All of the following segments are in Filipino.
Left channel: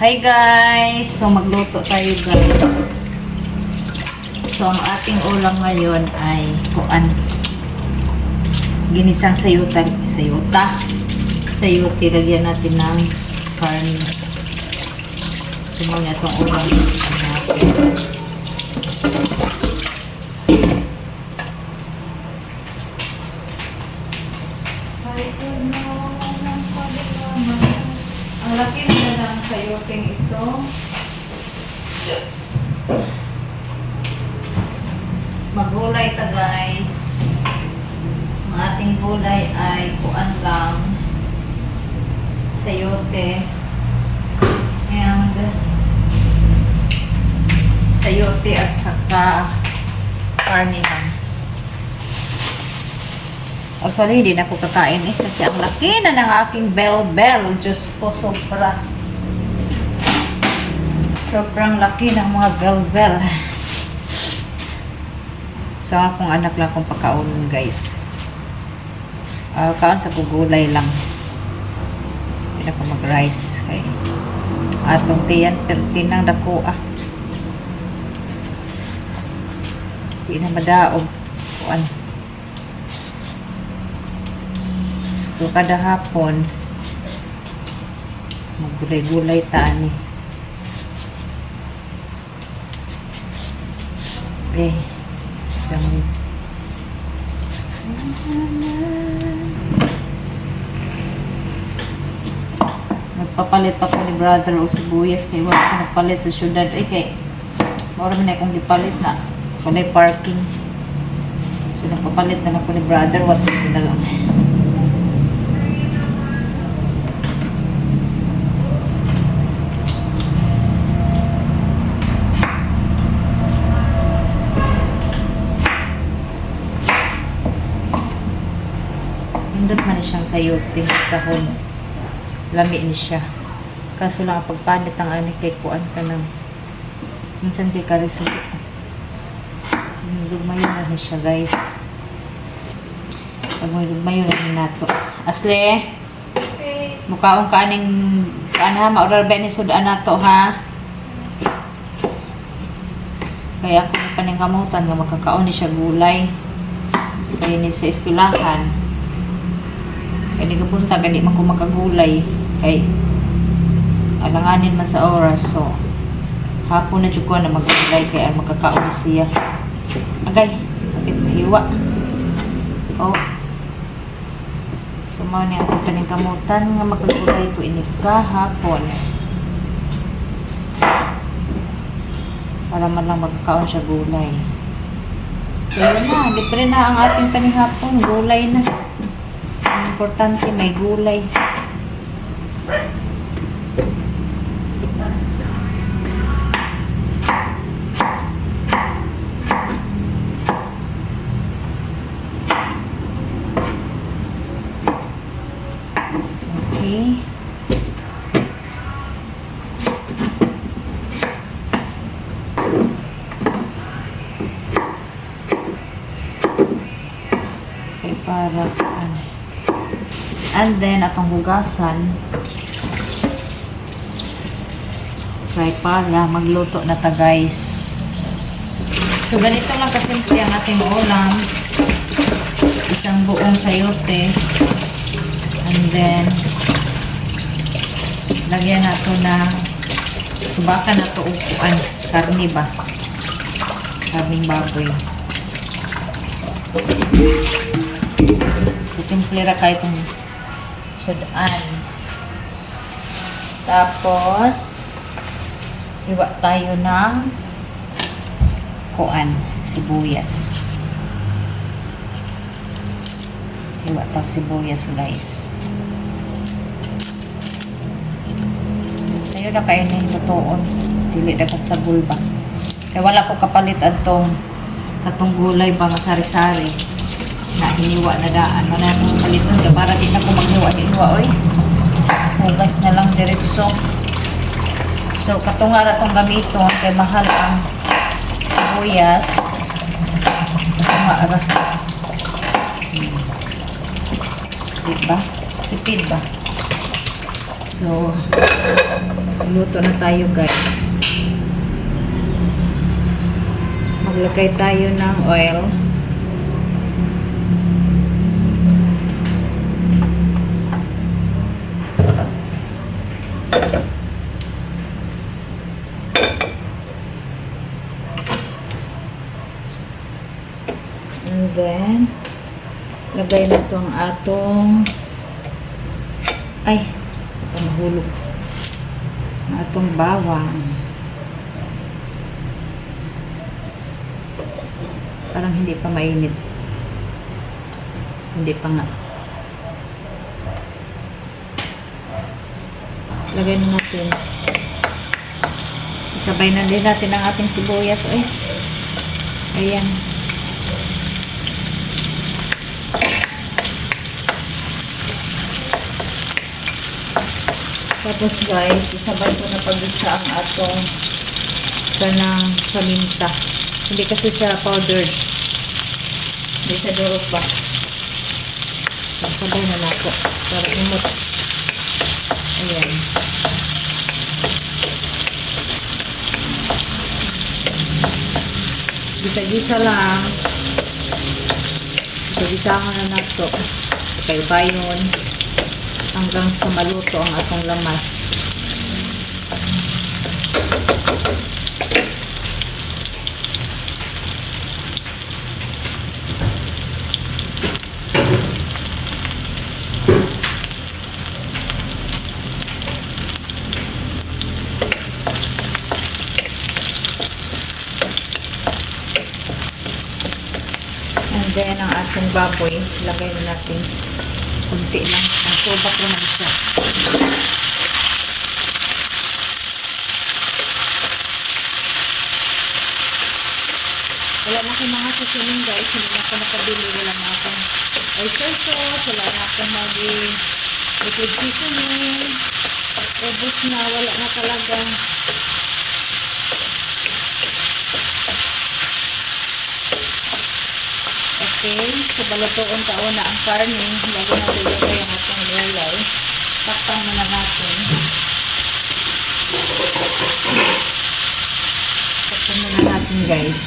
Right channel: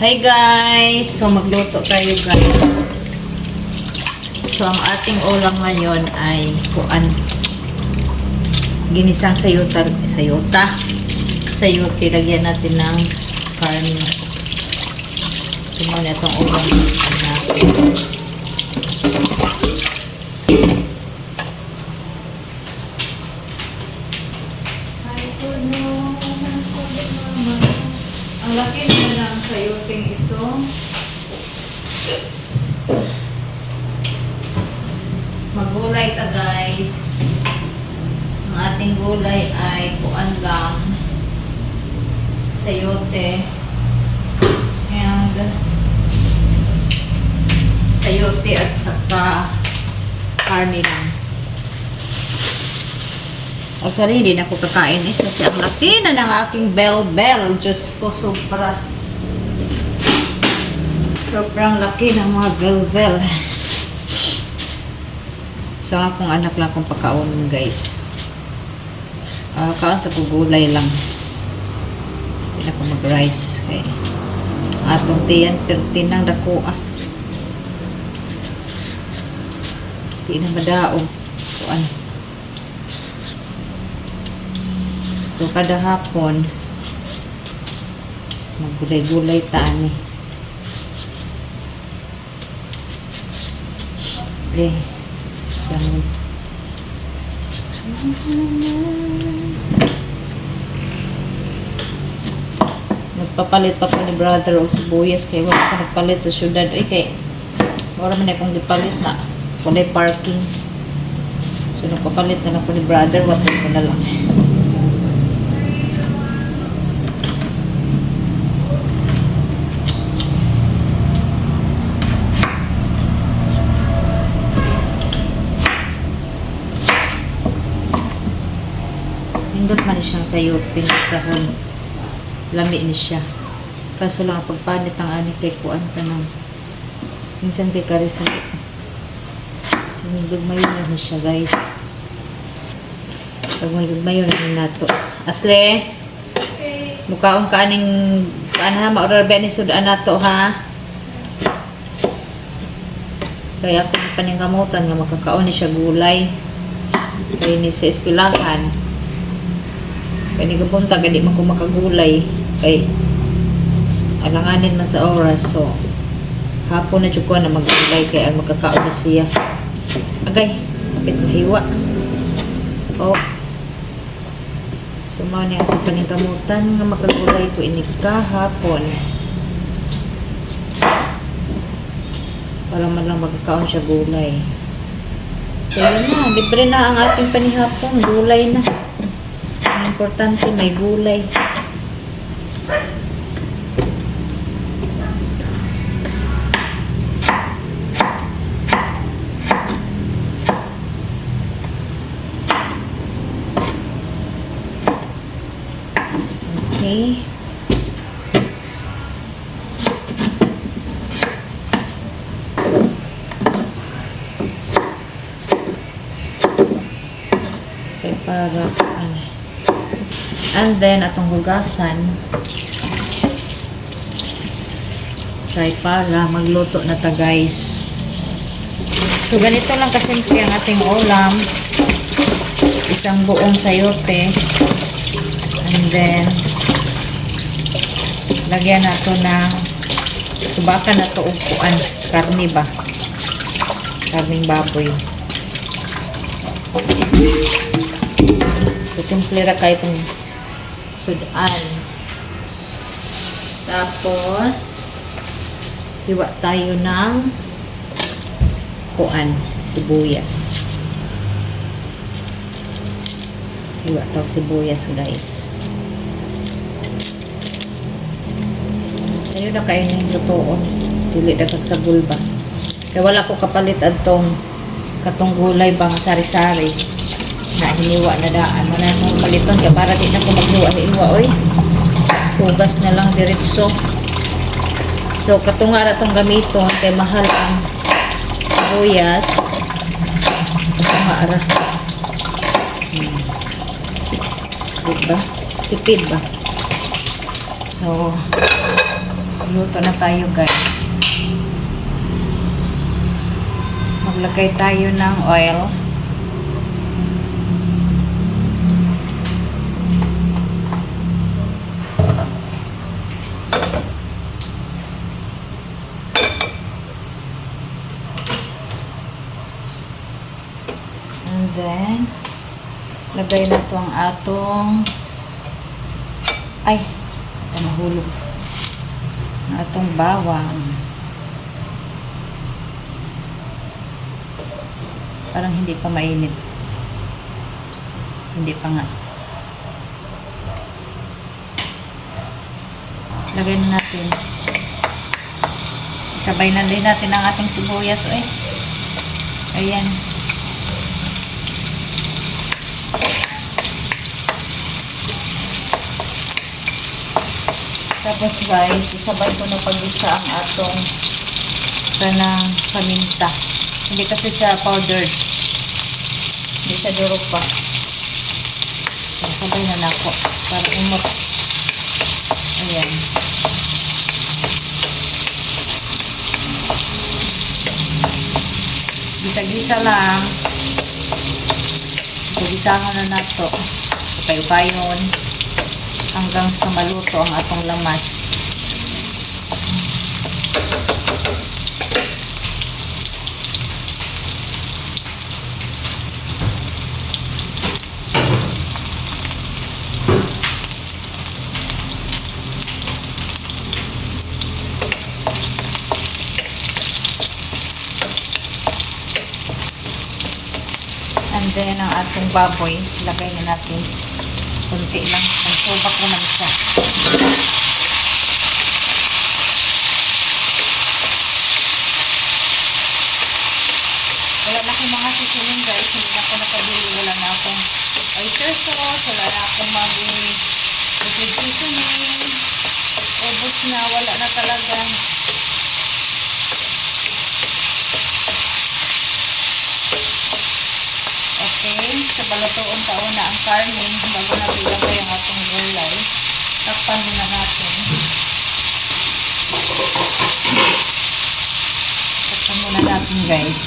Hi guys! So magluto tayo guys. So ang ating ulam ngayon ay kuan. Ginisang sayote. Sayote, lagyan natin ng karne. Simula itong ulam natin. Ang laki naman ang sayoteng ito. Magulay ito guys. Ang ating gulay ay kuan lang. Sayote. And sayote at saka karne lang. Actually, hindi na ako kakain kasi ang laki na ng aking bell. Diyos ko, sobrang laki ng mga bell. So, akong anak lang akong pagkaon, guys. Kaon sa gulay lang. Hindi na ako mag-rice. Okay. Atong tiyan, pertin ng dako. Hindi na madaog. Kuan. So, kada hapon, maggulay-gulay taan eh. Okay. Magpapalit pa ko ni brother o sibuyas kaya wala pa nagpalit sa syudad. Ay, kaya wala man akong gipalit na. Walay parking. So, nagpapalit na ako ni brother. What ko na lang. Hindot man siyang sayote sa hon. Lami ni siya. Kaso lang pagpanit ang ani kay kuan ka ng minsan kay karis. Lugmayon na siya guys. Pag may lugmayon na nato. Asle? Okay. Mukaong kaning ha, ma-order ba ni sudan nato ha? Kaya ako paning kamutan nga makakaon ni siya gulay. Kaya ni sa eskwelahan. Kaya nagapunta, gani man ko makagulay. Kay alanganin man sa oras. So, hapon na dyan ko na maggulay. Kaya magkakaon siya. Agay, kapit mahiwa. Oh. So, mga niya ako paningkamutan nga makagulay ko inika hapon. Para man lang magkakaon siya gulay. So, yun na. Libre na ang ating panihapon. Gulay na. Importante may gulay. Okay. Para ano. And then, atong hugasan. Try para magluto na ta guys. So, ganito lang kasimple ang ating ulam. Isang buong sayote. And then, lagyan nato na subakan na to upuan. Karne ba? Karning baboy. So, simple ra kahit yung sudan. Tapos, hiwa tayo ng kuan, sibuyas. Hiwa tayo sibuyas, guys. Ayun na kayo ng lutoon. Dili dapat sa bulba. Kaya wala ko kapalit atong katong gulay bang sari-sari. Na hiniwa na daan. Manang paliton siya para din ako maghiwa-hiwa. Oy, hugas na lang diretso. So, katunga na itong gamiton kay mahal ang sibuyas. Katunga ara. Diba? Tipid ba? So, Magluto na tayo, guys. Maglagay tayo ng oil. And then, lagay na ito ang atong mahulog. Ang atong bawang. Parang hindi pa mainit. Hindi pa nga. Lagay na natin. Isabay na din natin ang ating sibuyas. Ayan. Tapos guys, isabay ko na pag-isa ang atong kanang paminta. Hindi kasi siya powdered. Hindi siya durog pa. Isabay na nako para umot. Ayan. Gisa-gisa lang. Gisa-gisahon na nato. Kayo-kayon. Hanggang sa maluto ang atong lamas. And then ang ating baboy, lagay na natin kunti lang. Ang subak naman siya. Wala na akong mga seasoning guys. Hindi na ako nakabili. Wala na akong oyster sauce. Wala na akong liquid seasoning. Ubus na. Wala na talaga. Okay, so balutuon pa una ang karne bago natin ilagay ang atong gulay. Takpan muna natin. Takpan muna natin guys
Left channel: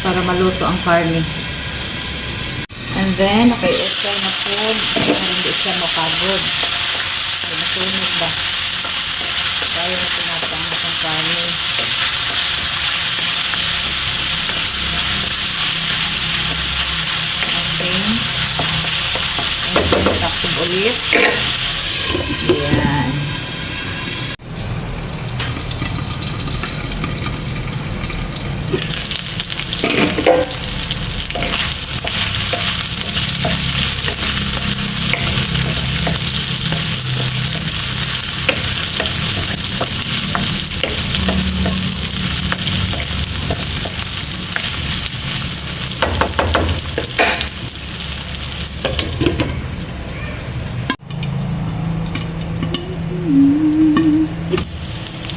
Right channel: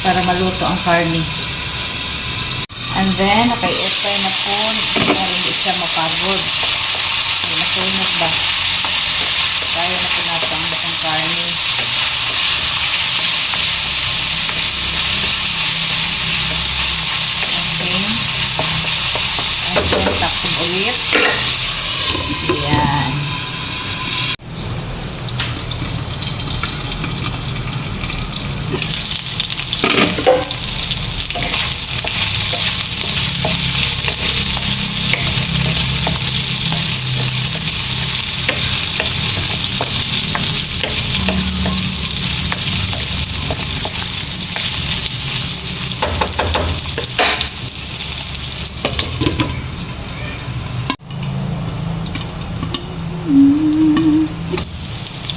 para maluto ang karne. And then, okay na po para hindi siya mapagod. Okay, nasunog ba? Kaya na po natin ang karne. And then, takpan ulit. Ayan.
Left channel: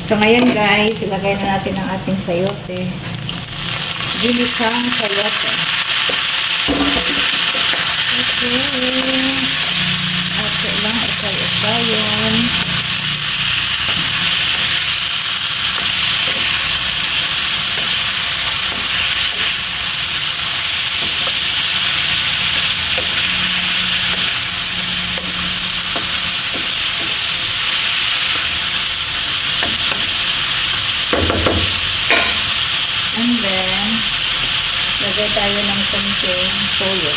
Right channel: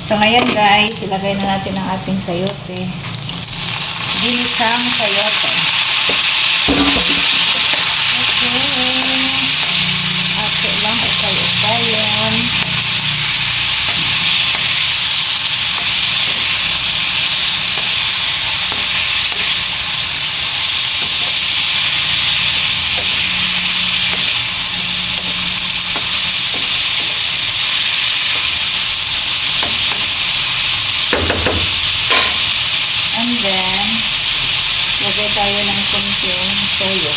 So ngayon guys, ilagay na natin ang ating sayote. Ginisang sayote. Okay. Ate lang, ukay-ukayan. And then, lagay tayo ng konting toyo.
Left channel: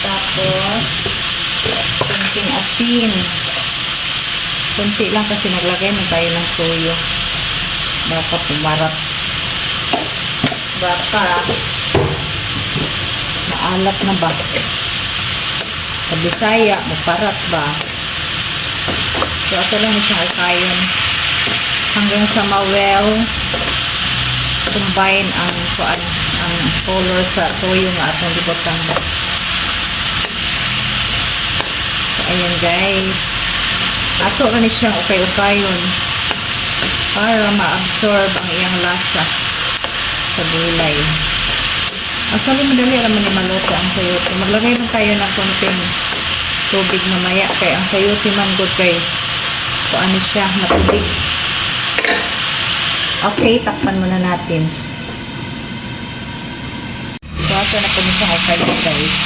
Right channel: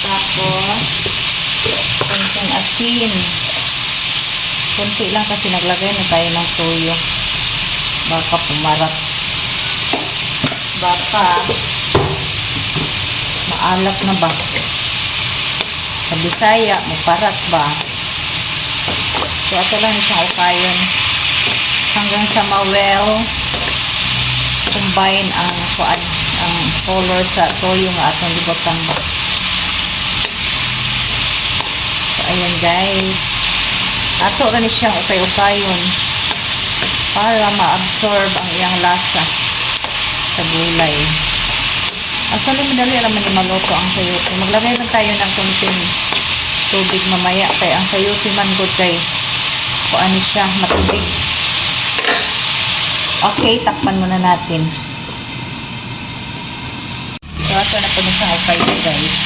Tapos, konting asin. Konti lang kasi naglagay na tayo ng toyo. Baka pumarap. Baka maalat na ba? Sa Bisaya, maparat ba? So, ito lang isang ukayon. Hanggang sa ma-well combine ang color sa toyo nga atong libotang. So, ayan guys. Ato na ni siyang ukay-ukayon para ma-absorb ang iyang lasa. sa gulay. Actually, madali naman yung maluto ang sayote. Maglagay lang tayo ng konting tubig mamaya. Kaya ang sayote man good kay kung ano siya, matubig. Okay, takpan muna natin. So, ito na po na siyang okay, guys.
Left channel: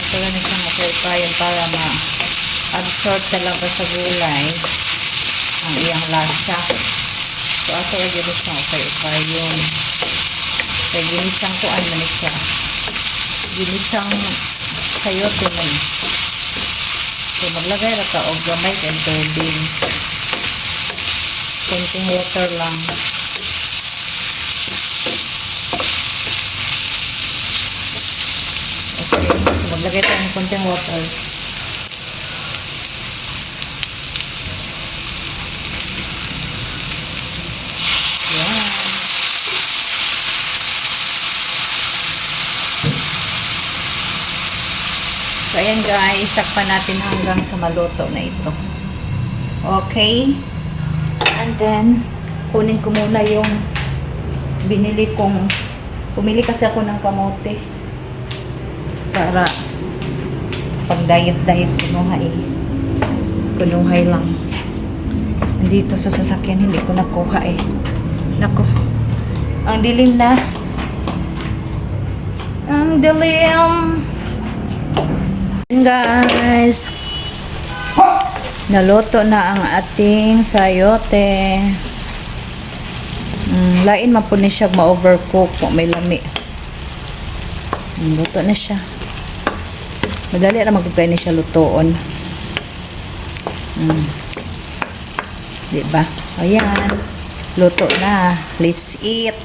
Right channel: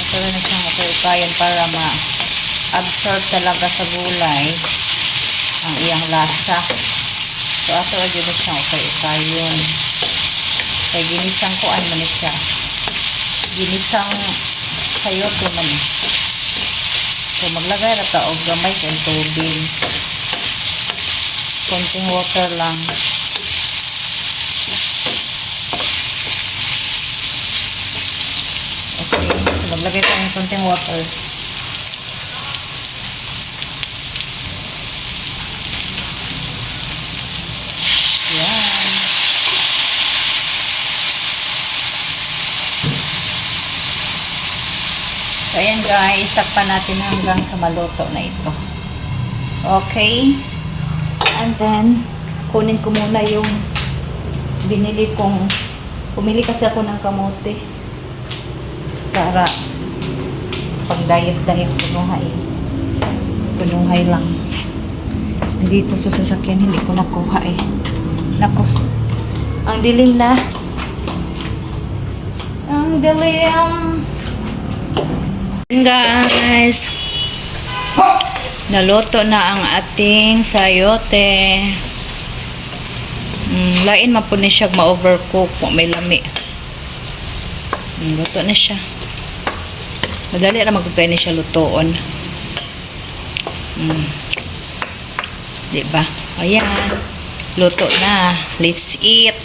Ito na siyang okay para ma-absorb talaga sa gulay ang iyang lasa. So, ato agad na siyang okay yun. Kaya ginisang kuan man siya. Ginisang sayote man. So, maglagay na ta og gamay and tubig. Konting water lang. Okay. So, maglagay tayo ng konting water. So, ayan guys, takpan natin hanggang sa maluto na ito. Okay. And then, kunin ko muna yung pumili kasi ako ng kamote. Para pang diet kunuhay. Kunuhay lang. Nandito sa sasakyan, hindi ko nakuha eh. Naku. Ang dilim na. Ang dilim. Guys, naluto na ang ating sayote. Lain man po ni siya ma-overcook kung may lami. Luto na siya. Madali na magkukay na siya lutoon. Diba? Ayan. Luto na. Let's eat.